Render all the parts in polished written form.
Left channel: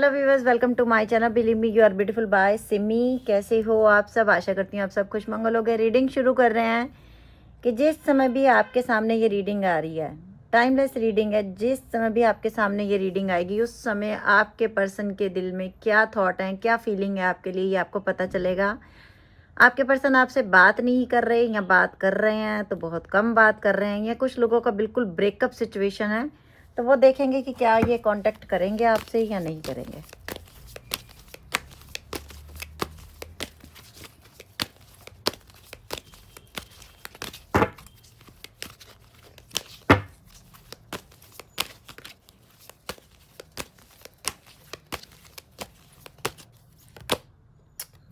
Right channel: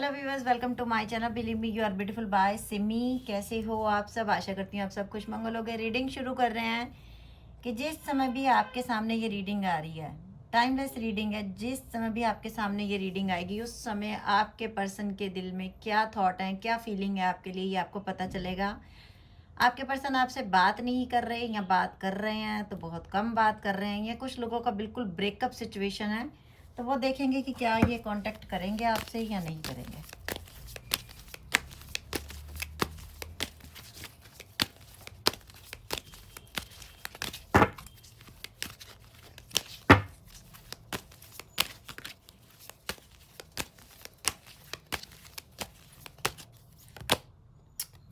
Hello viewers, welcome to my channel believe me you are beautiful by Simi. कैसे हो आप सब? आशा करती हूँ आप सब खुश मंगल हो गए। रीडिंग शुरू कर रहे हैं कि जिस समय भी आपके सामने ये रीडिंग आ रही है, टाइमलेस रीडिंग है। जिस समय भी आपके सामने ये रीडिंग आएगी उस समय आपके पर्सन के दिल में क्या थॉट है, क्या फीलिंग है आपके लिए, ये आपको पता चलेगा। आपके पर्सन आपसे बात नहीं कर रहे या बात कर रहे हैं तो बहुत कम बात कर रहे हैं, या कुछ लोगों का बिल्कुल ब्रेकअप सिचुएशन है, तो वो देखेंगे कि क्या ये कांटेक्ट करेंगे आपसे या नहीं करेंगे।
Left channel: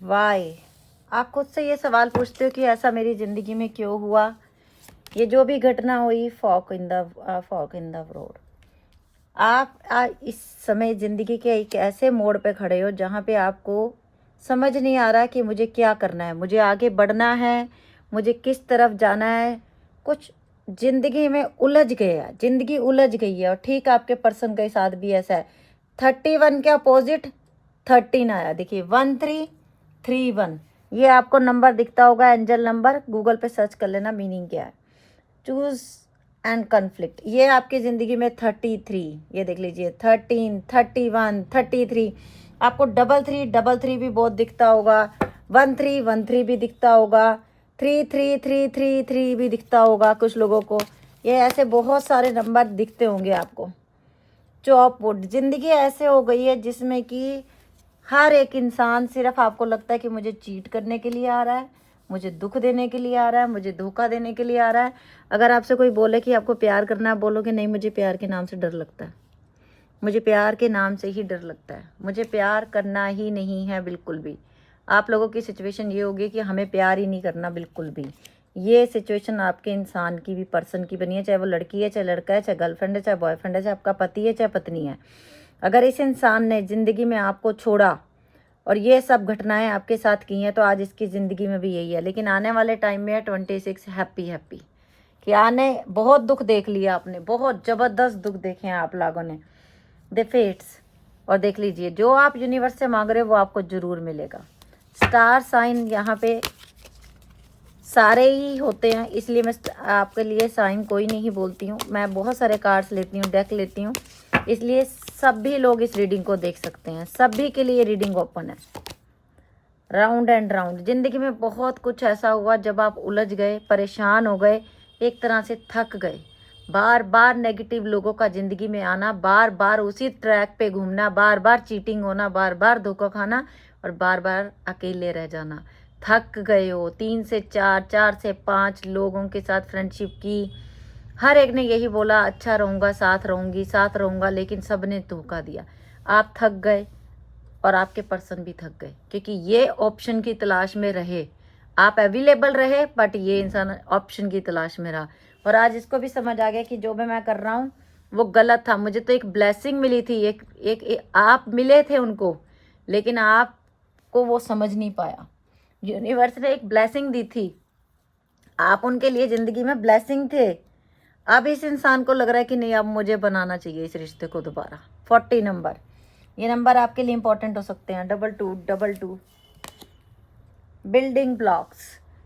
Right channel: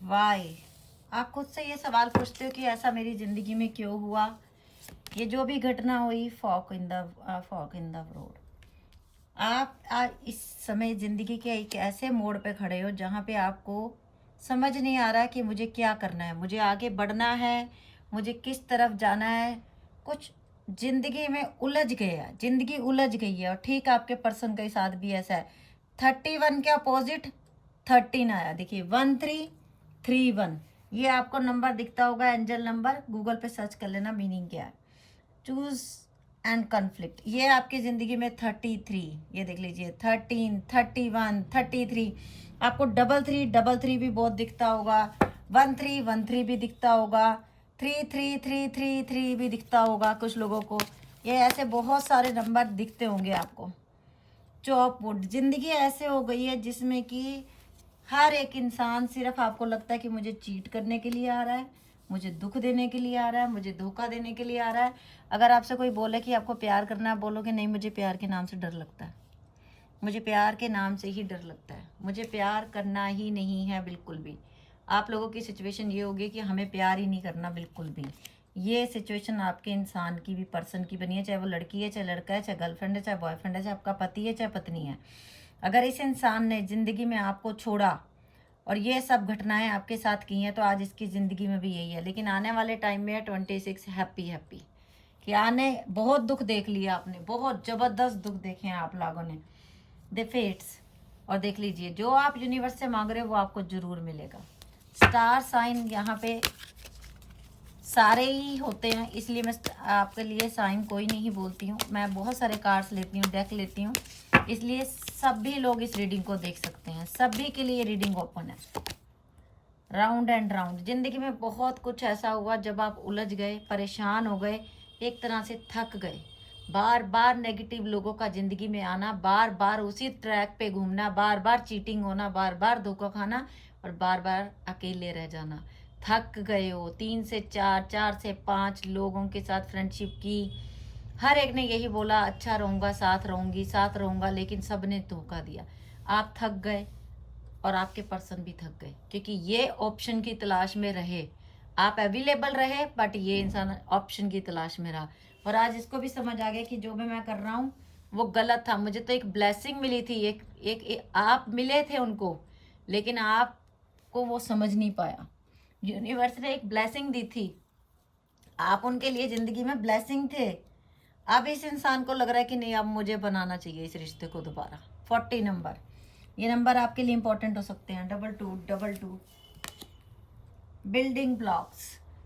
वाई, आप खुद से ये सवाल पूछते हो कि ऐसा मेरी ज़िंदगी में क्यों हुआ। ये जो भी घटना हुई, फॉक इन द रोड। आप इस समय ज़िंदगी के एक ऐसे मोड़ पे खड़े हो जहाँ पे आपको समझ नहीं आ रहा कि मुझे क्या करना है, मुझे आगे बढ़ना है, मुझे किस तरफ जाना है। कुछ ज़िंदगी में उलझ गया, ज़िंदगी उलझ गई है। और ठीक आपके पर्सन के साथ भी ऐसा है। 31 के अपोजिट 13 आया। देखिए 1331, ये आपको नंबर दिखता होगा, एंजल नंबर। गूगल पे सर्च कर लेना मीनिंग क्या है। चूज एंड कन्फ्लिक्ट, ये आपकी ज़िंदगी में 33, ये देख लीजिए 13, 31, 33। आपको डबल थ्री भी बहुत दिखता होगा, 1313 भी दिखता होगा, 3333 भी दिखता होगा कुछ लोगों को। ये ऐसे बहुत सारे नंबर दिखते होंगे आपको। चॉपवुड, ज़िंदगी ऐसे हो गई है जिसमें कि हर एक इंसान सिर्फ आपको लगता है कि मुझे चीट करने के लिए आ रहा है, मुझे दुख देने के लिए आ रहा है, मुझे धोखा देने के लिए आ रहा है। अगर आपसे कोई बोले कि आपको प्यार करना है, बोलोगे नहीं, मुझे प्यार के नाम से डर लगता है, मुझे प्यार के नाम से ही डर लगता है, मुझे प्यार करना ही नहीं है बिल्कुल भी। आप लोगों की सिचुएशन ये होगी कि हमें प्यार ही नहीं करना बिल्कुल भी। ये सिचुएशन आपके इंसान की भी, पर्सन की बनी है, चाहे वो लड़की है, चाहे लड़का है, चाहे गर्लफ्रेंड है, चाहे बॉयफ्रेंड है, चाहे आपका पति है, चाहे पत्नी है। अगर इस इंसान ने ज़िंदगी में आपको छोड़ा और ये सब घटनाएं आपके साथ की हैं, तो आज इसकी ज़िंदगी में भी यही है। लेकिन आने वाले टाइम में है 26 हैप्पी कि आने बहुत दुख देख लिया आपने, बहुत ज़बरदस्त दुख देखे हैं आप लोगों ने, द फेट्स। और देख लीजिए जो आप यूनिवर्स से मांग रहे हो वो आपको ज़रूर मिलेगा। स्टार साइन यहाँ पे सारे ही होते हैं, इसलिए मैं आपके लिए साइन कोई नहीं बोलती हूँ। मैं बहुत सारे कार्ड्स लेती हूँ, डेक लेती हूँ, इसलिए सभी लोग इस रीडिंग को देख सकते हैं। सभी के लिए रीडिंग ओपन है। राउंड एंड राउंड, ज़िंदगी में बहुत कुछ ऐसा हुआ जब आप उलझ गए, परेशान हो गए, एक तरह से थक गए। बार बार नेगेटिव लोगों का ज़िंदगी में आना, बार बार उसी ट्रैक पे घूमना, बार बार चीटिंग होना, बार बार धोखा खाना, और बार बार अकेले रह जाना। थक गए हो। 3 से 4, 4 से 5 लोगों के साथ फ्रेंडशिप की, हर एक ने यही बोला अच्छा रहूँगा, साथ रहूँगी, साथ रहूँगा, लेकिन सब ने धोखा दिया। आप थक गए और आपके पर्सन भी थक गए, क्योंकि ये ऑप्शन की तलाश में रहे। आप अवेलेबल रहे, बट ये इंसान ऑप्शन की तलाश में रहा। और आज इसको भी समझ आ गया कि जो भी मैं कर रहा हूँ वो गलत था। मुझे तो एक ब्लेसिंग मिली थी, एक आप मिले थे उनको, लेकिन आपको वो समझ नहीं पाया। यूनिवर्स ने एक ब्लेसिंग दी थी, आप उनके लिए ज़िंदगी में ब्लेसिंग थे। अब इस इंसान को लग रहा है कि नहीं, अब मुझे बनाना चाहिए इस रिश्ते को दोबारा। 40 नंबर, ये नंबर आपके लिए इंपॉर्टेंट हो सकते हैं। 2222, बिल्डिंग ब्लॉक्स।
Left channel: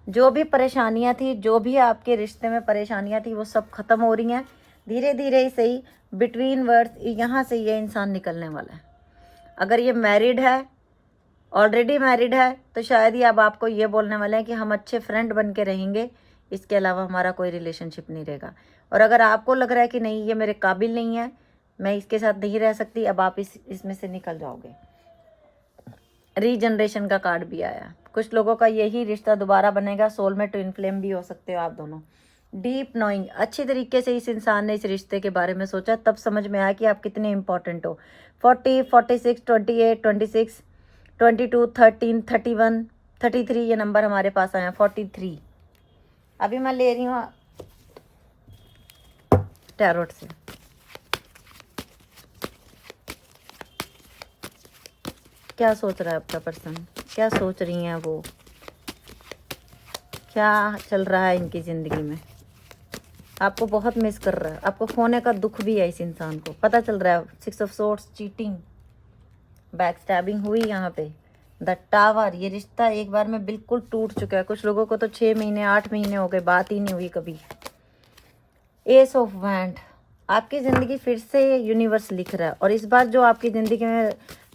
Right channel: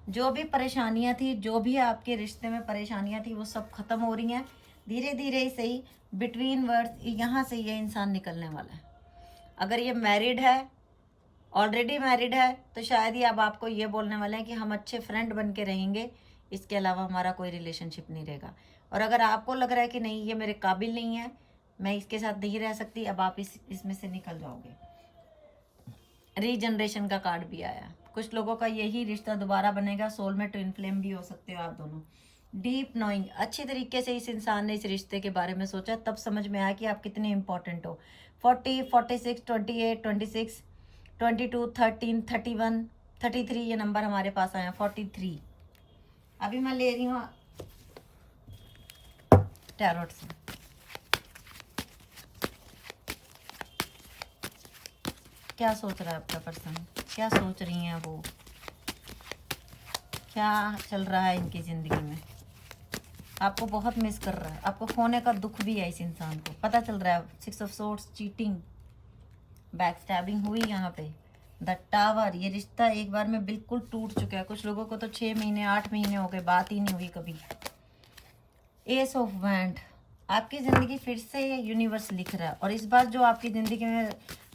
जो भी परेशानियां थी, जो भी आपके रिश्ते में परेशानियां थी, वो सब खत्म हो रही हैं धीरे धीरे ही सही। बिटवीन वर्ड्स, यहाँ से ये इंसान निकलने वाला है। अगर ये मैरिड है, ऑलरेडी मैरिड है, तो शायद ही अब आपको ये बोलने वाले हैं कि हम अच्छे फ्रेंड बन के रहेंगे, इसके अलावा हमारा कोई रिलेशनशिप नहीं रहेगा। और अगर आपको लग रहा है कि नहीं, ये मेरे काबिल नहीं है, मैं इसके साथ नहीं रह सकती, अब आप इसमें से निकल जाओगे। रीजनरेशन का कार्ड भी आया। कुछ लोगों का यही रिश्ता दोबारा बनेगा। सोलमेट, ट्विन फ्लेम भी हो सकते हो आप दोनों। डीप नोइंग, अच्छी तरीके से इस इंसान ने इस रिश्ते के बारे में सोचा, तब समझ में आया कि आप कितने इंपॉर्टेंट हो। 40, 46, 28, 26, 22, 13, 31, 33, ये नंबर हमारे पास आया। 43 अभी मैं ले रही हूँ टैरोट से। क्या सोच रहा है आपका पर्सन, क्या सोच रही हैं वो, क्या चल रहा है इनकी ज़िंदगी में। आपको बहुत मिस कर रहा है, आपको खोने का दुख भी है इस इंसान को, पता चल रहा है। 6 of swords, cheating, back stabbing हुई यहाँ पे। द टावर, ये रिश्ता एक बार में बिल्कुल टूट चुका है। कुछ लोगों को तो 6 महीने 8 महीने हो गए, बात ही नहीं हुई कभी। एस ऑफ वैंड, आपकी ज़िंदगी फिर से यूनिवर्स लिख रहा है, और इस बार जो आपकी ज़िंदगी में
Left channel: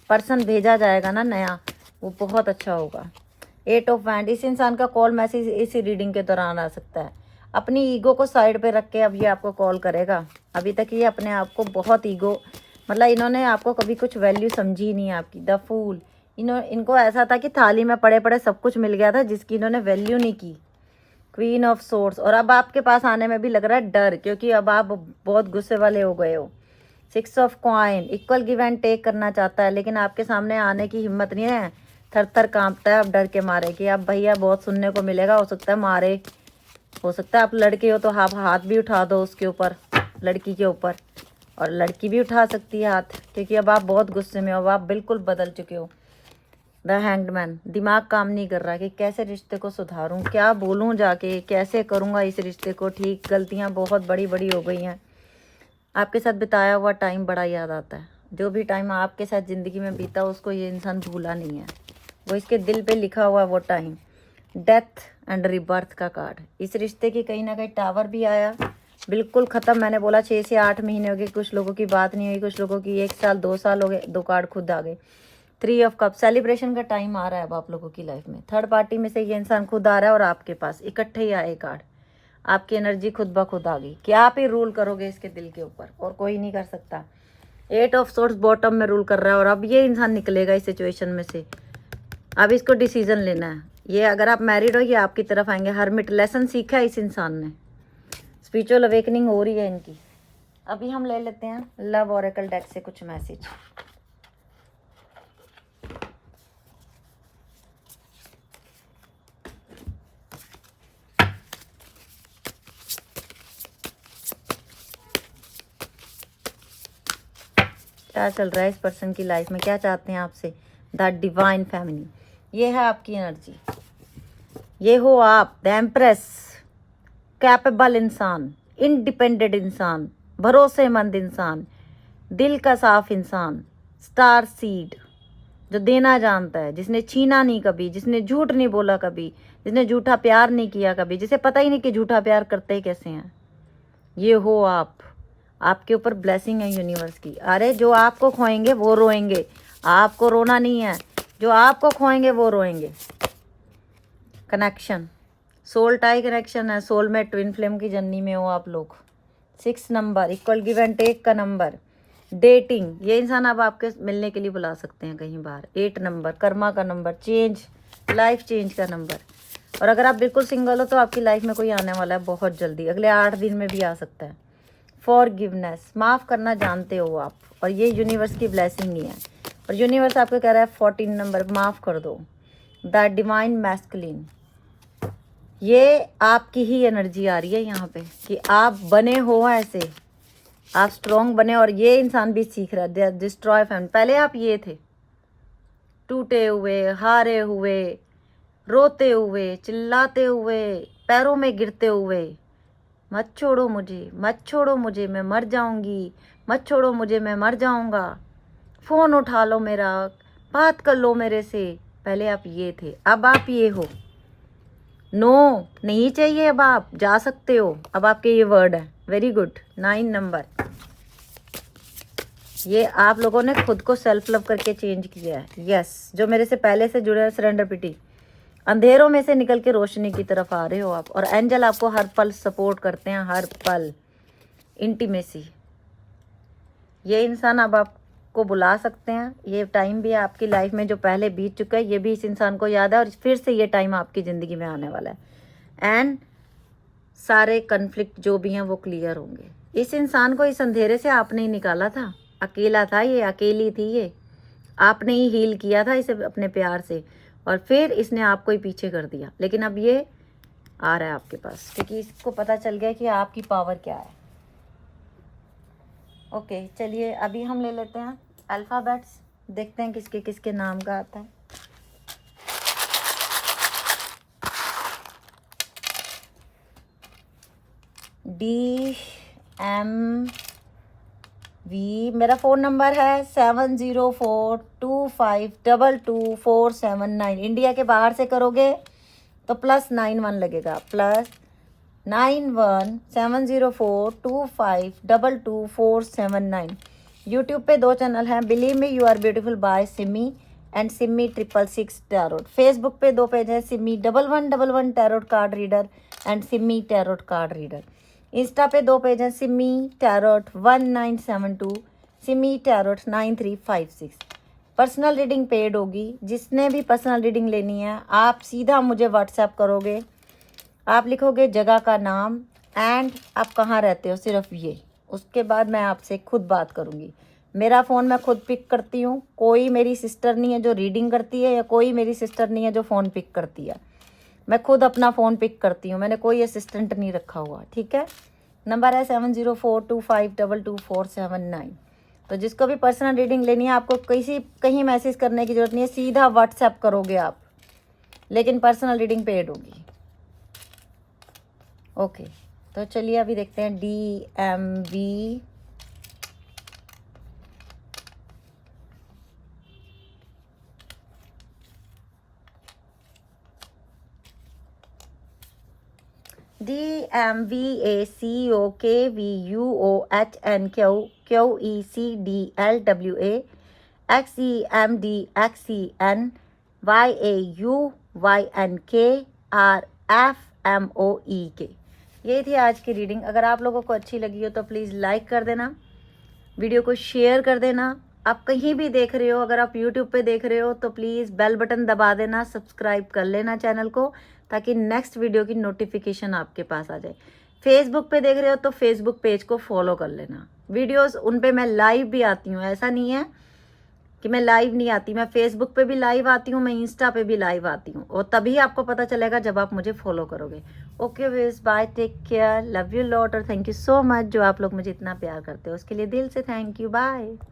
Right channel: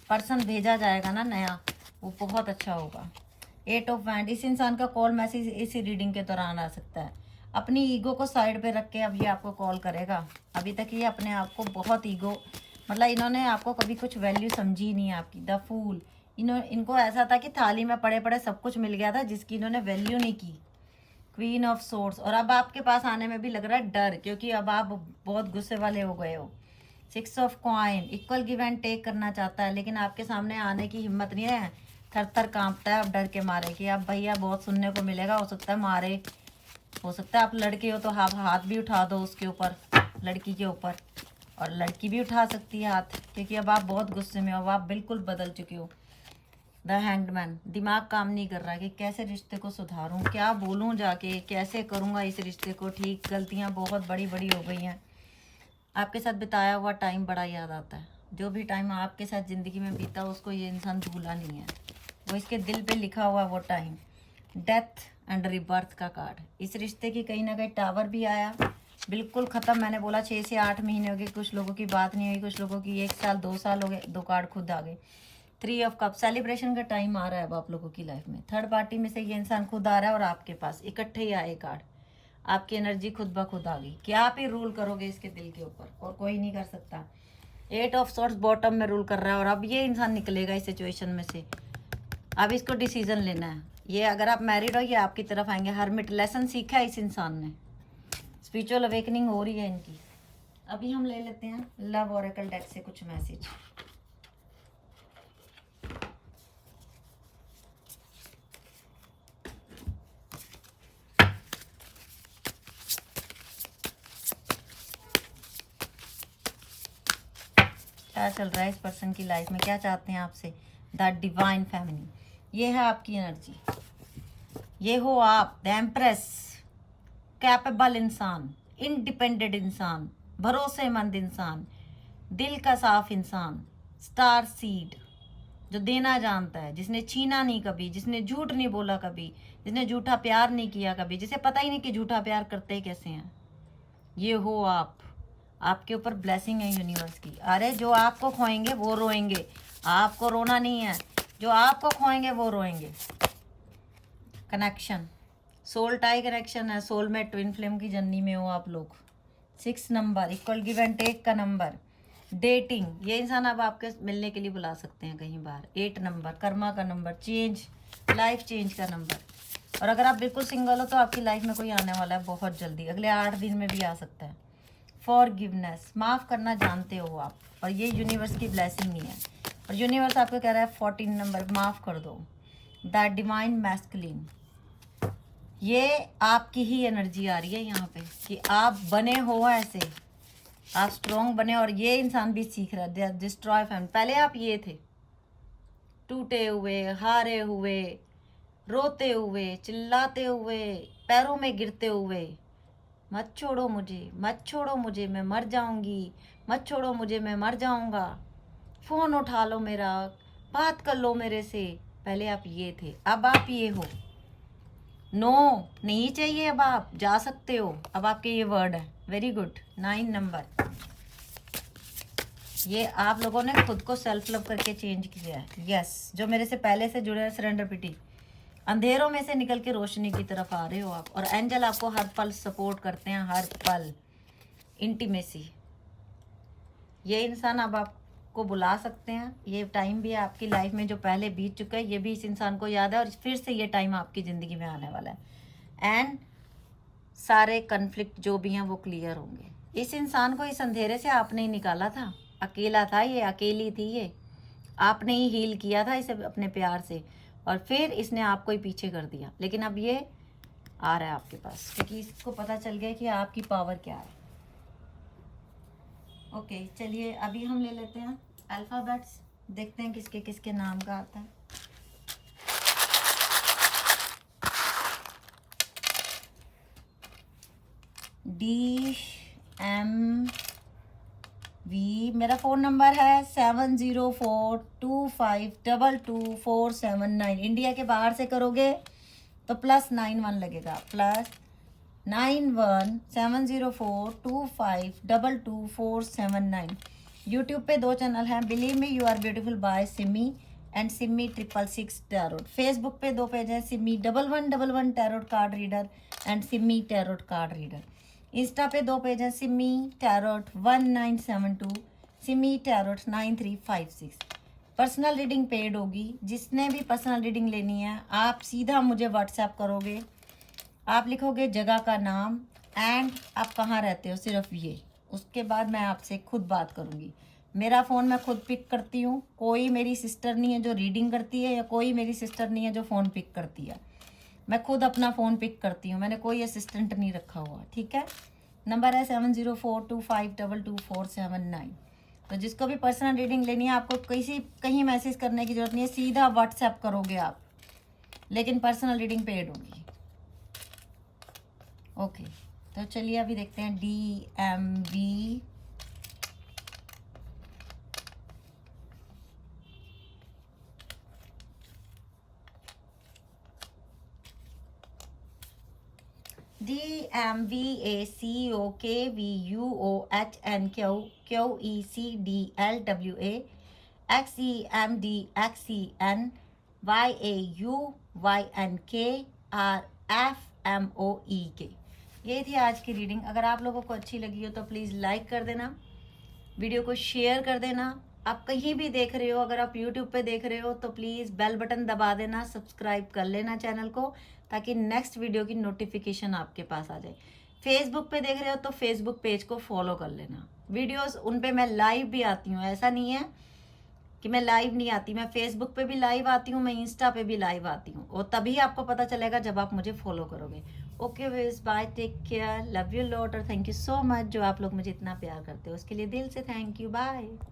पर्सन भेजा जाएगा ना नया, वो बहुत अच्छा होगा। 8 ऑफ वैंड, इस इंसान का कॉल मैसेज इसी रीडिंग के दौरान आ सकता है। अपनी ईगो को साइड पे रख के अब ये आपको कॉल करेगा। अभी तक ये अपने आप को बहुत ईगो, मतलब इन्होंने आपको कभी कुछ वैल्यू समझी नहीं आपकी। द फूल, इनको ऐसा था कि थाली में पड़े पड़े सब कुछ मिल गया था जिसकी इन्होंने वैल्यू नहीं की। क्वीन ऑफ सोर्स, और अब आपके पास आने में भी लग रहा है डर, क्योंकि अब आप बहुत गुस्से वाले हो गए हो। 6 of coin, equal give and take करना चाहता है, लेकिन आपके सामने आने की हिम्मत नहीं है। थर थर कांपता है अब डर के मारे कि अब भैया बहुत सुनने को मिलेगा, हो सकता है मारे, हो सकता है आप लड़के हो तो आप हाथ भी उठा दो उसके ऊपर, लड़की के ऊपर, और लड़की भी उठा सकती है हाथ, क्योंकि अब आप बहुत गुस्से में हो, अब आप बिल्कुल बदल चुके हो। द हैंग्ड मैन, दिमाग काम नहीं कर रहा कि कैसे रिश्ते को सुधारूं, क्या बोलूं जाके, कैसे करूंगा इस रिश्ते को ठीक। गलतियां बहुत बड़ी बड़ी हो गई हैं। आपके साथ बिताया हुआ टाइम बड़ा याद आता है। जो भी टाइम आपके साथ ज़िंदगी में बीता उसको ये इंसान भूला नहीं है, वो इसके दिल पे लिखा हुआ वो टाइम। डेथ एंड रिबर्थ का कार्ड, इस रिश्ते की कहीं ना कहीं टावर भी आया, बिल्कुल ख़त्म। मैंने बोला 6 से 8 महीने हो गए, कुछ लोगों की बात नहीं हुई, कुछ लोगों की 1 साल 2 साल हो गए। 2 कार्ड खुद आ गए। 3 ऑफ कप, सेलिब्रेशन का टाइम आ रहा है अब आप लोगों की लाइफ में। थर्ड पार्टी में से ये इंसान खुद आ रहा है और आपके पास इकट्ठे ही आए कार्ड। आपकी एनर्जी खुद ब खुद आ गई कि आप ही रूल करोगे इसके दिल के ऊपर, और कोई नहीं कर सकता। 8 ऑफ सोर्स बॉटम में रूल कर रहा है, और अब ये इंसान निकलेगा इस सिचुएशन में से। अब इसको डिसीजन लेना है। ये अगर आप मैरिड हो, ये आपकी तरफ आएंगे। हर्मिट, लेसन सीखा है इस इंसान ने, स्पिरिचुअल अवेकनिंग हो रही है इनकी। अभी हम ले लेते हैं लव ओरेकल डेक से कुछ मैसेज। क्या चल रहा है इस पर्सन की लाइफ में, क्या चाहते हैं आपसे। द डिवाइन फैमिली, ये है आपकी एनर्जी। ये हो आप, द एम्प्रेस, कैपेबल इंसान, इंडिपेंडेंट इंसान, भरोसेमंद इंसान, दिल का साफ इंसान, स्टार सीड, जो देना जानता है, जिसने छीना नहीं कभी, जिसने झूठ नहीं बोला कभी, जिसने झूठा प्यार नहीं किया कभी, जिसे पता ही नहीं कि झूठा प्यार करते कैसे हैं। ये हो आप, आपके ऊपर ब्लेसिंग है यूनिवर्स की। अरे जो आपको खोएंगे वो रोएंगे, आपको रोना नहीं है। जो आपको खोएंगे वो रोएंगे। कनेक्शन, सोल टाई कनेक्शन है, सोलमेट, ट्विन फ्लेम की जर्नी में हो आप लोग। 6 number, equal give and take का नंबर। डेटिंग, ये इंसान अब आपके मिलने के लिए बुला सकते हैं कहीं बाहर। 8 नंबर, कर्मा का नंबर, चेंज, लाइफ चेंज का नंबर। और अगर आप बिल्कुल सिंगल हो तो आपकी लाइफ में कोई आने वाला है बहुत जल्दी, अगले 8 दिन में भी आ सकता है। फॉरगिवनेस, माफ़ करना जानते हो आप, और ये यूनिवर्स की ब्लेसिंग ही है। और यूनिवर्स आपको कह रहा है 14 नंबर, माफ़ कर दो। द डिवाइन मैस्कुलिन, ये आपकी ही एनर्जी आ रही है यहाँ पे कि आप बने हो ऐसे, आप स्ट्रॉन्ग बने। और ये इंसान भी सीख रहा है डिस्ट्रॉय फैमिली। पहले आप ये थे, टूटे हुए, हारे हुए, रोते हुए, चिल्लाते हुए, पैरों में गिरते हुए, मत छोड़ो मुझे, मत छोड़ो मुझे, मैं मर जाऊंगी, मत छोड़ो मुझे, मैं मर जाऊंगा, फ़ोन उठा लो मेरा, बात कर लो मेरे से। पहले आप ये थे, अब आप ये हो। नो नहीं चाहिए, अब आप जा सकते हो, अब आपके ये वर्ड है। Very good. 9 नंबर, ये आप लोगों ने खुद को सेल्फ लव करके चेंज किया है। यस, जो मेरे से पहले से जुड़े हैं, सरेंडर पिटी, अंधेरों में से निकल के रोशनी की तरफ आ रहे हो आप। और एंजल आपको हर पल सपोर्ट करते हैं, हर पल। इंटीमेसी, ये इंसान अब आपको बुला सकते हैं। ये टाइम भी आपकी लाइफ में जो पहले बीत चुका है, ये भी इस इंसान को याद है, और फिर से ये टाइम आपकी ज़िंदगी में आने वाला है। एंड सारे कन्फ्लिक्ट जो भी हैं वो क्लियर होंगे। इस इंसान को इस अंधेरे से आपने ही निकाला था, अकेला था ये, अकेली थी ये, आपने ही हील किया था इसे अपने प्यार से, और फिर इसने आपको ही पीछे कर दिया। लेकिन अब ये आ रहा है आपके पास, क्योंकि इसको पता चल गया कि आपकी पावर क्या है। ओके, चलिए अभी हम ले लेते हैं अल्फ़ाबेट्स, देखते हैं किसके किसके नाम का आता है। D, M, V. मेरा फ़ोन नंबर है 7042522479। इंडिया के बाहर से करोगे तो +91 लगेगा, +91 70425222479। यूट्यूब पे 2 चैनल हैं, believe me you are beautiful by Simi and Simi 666 tarot. Facebook पे 2 पेज हैं, Simi 1111 tarot card reader and Simi tarot card reader. Insta पे 2 पेज हैं, Simi tarot 1972, Simi tarot 9356। Personal reading paid होगी। जिसने भी पर्सनल रीडिंग लेनी है आप सीधा मुझे व्हाट्सएप करोगे, आप लिखोगे जगह का नाम एंड आप कहाँ रहते हो, सिर्फ ये। उसके बाद मैं आपसे खुद बात करूँगी। मेरा फ़ोन मैं खुद पिक करती हूँ, कोई मेरी सिस्टर नहीं है जो रीडिंग करती है, या कोई मेरी सिस्टर नहीं है जो फ़ोन पिक करती है। मैं खुद अपना फ़ोन पिक करती हूँ, मैंने कोई असिस्टेंट नहीं रखा हुआ, ठीक है। नंबर है 7042522479। तो जिसको भी पर्सनल रीडिंग लेनी है आपको कहीं मैसेज करने की ज़रूरत नहीं है, सीधा व्हाट्सएप करोगे आप, लेकिन पर्सनल रीडिंग पेड होगी। ओके, तो चलिए अभी देखते हैं DMV। DMVACOKVUOHNQUECDLWAXEMDXENYAUYNKRFMOEK। ये थी आज की रीडिंग। अगर आप लोगों को अच्छी लगी हो तो प्लीज़ लाइक कर देना, वीडियो को शेयर कर देना। आप कहीं भी देख रहे हो, अगर आप यूट्यूब पे देख रहे हो तो प्लीज़ बेल बटन दबा देना, सब्सक्राइब कर लेना चैनल को, ताकि नेक्स्ट वीडियो की नोटिफिकेशन आपके पास आ जाए। फेसबुक पे देख रहे हो तो फेसबुक पेज को फॉलो कर लेना। वीडियोस उन पे मैं लाइव भी आती हूँ, ऐसा नहीं है कि मैं लाइव नहीं आती। मैं फेसबुक पे भी लाइव आती हूँ, मैं इंस्टा पे भी लाइव आती हूँ, और तभी आपको पता चलेगा जब आप मुझे फॉलो करोगे। Okay viewers, bye, take care, love you lot, और थैंक यू सो मच जो आप लोग मुझे इतना प्यार करते हो, उसके लिए दिल से थैंक यू, बाय।